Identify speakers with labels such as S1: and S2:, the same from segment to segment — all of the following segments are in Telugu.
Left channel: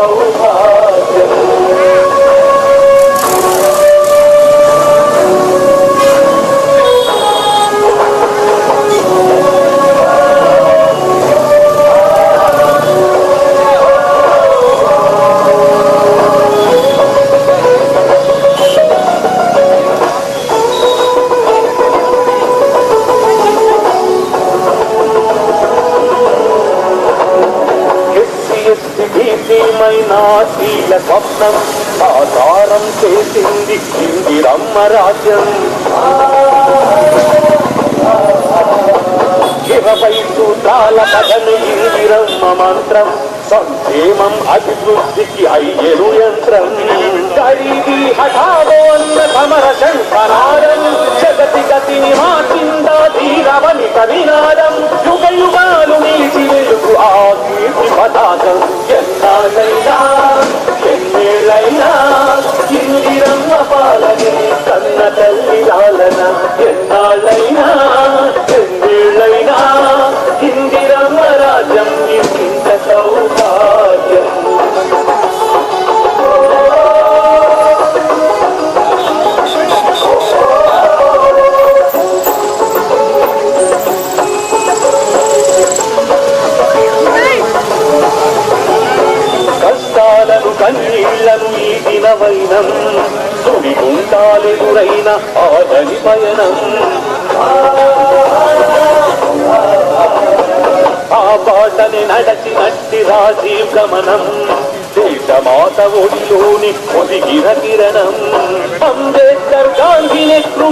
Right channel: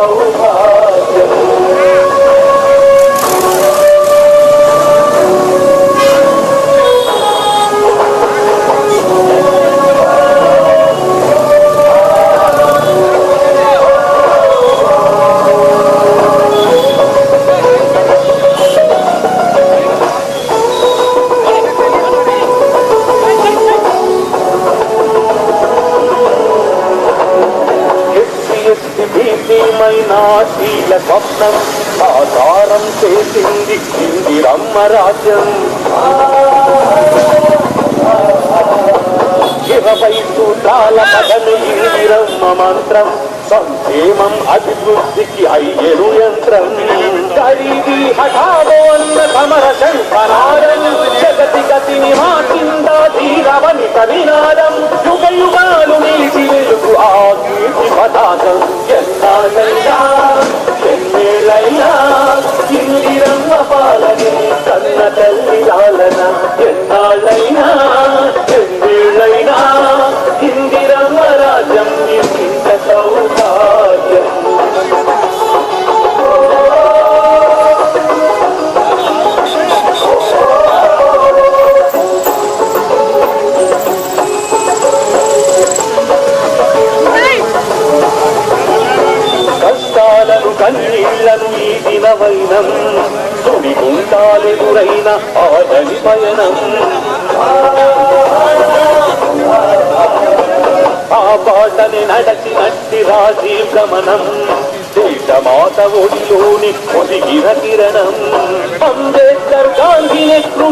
S1: Oh, மராஜம் గుండాలెదురైన ఆదరి పయనం. ఆ బాటని నడచినట్టి రాజీవ్ గమనం. దేశమాత ఒడిలోని ఒదిగిర కిరణం. అంబేద్కర్ గాంధీ నెహ్రూ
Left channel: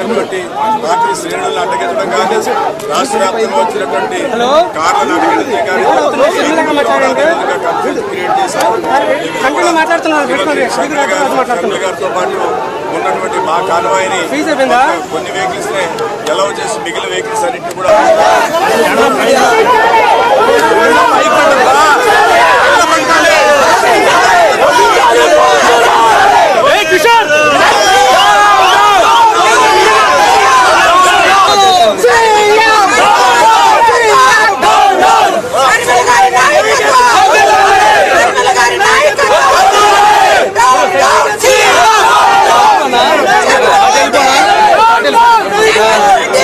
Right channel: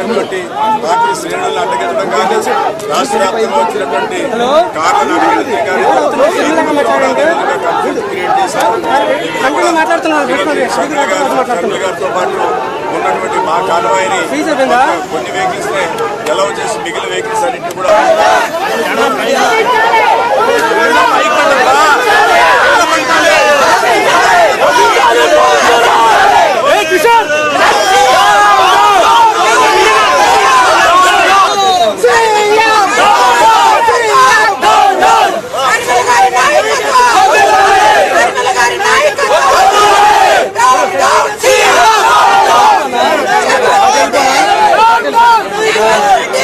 S2: వచ్చినటువంటి పార్టీ శ్రేణులను అడ్డగట్టడం కానీ రాష్ట్ర వ్యాప్తంగా వచ్చినటువంటి కార్లను అడ్డగట్టడం కానీ క్రియేట్ చేశారు. గారితో పాటు ఉన్నటువంటి మా కాలువాయిని కొన్ని వెహికల్స్ని ఎలవ్ చేసి మిగిలిన వెహికల్స్ అన్నింటినీ కూడా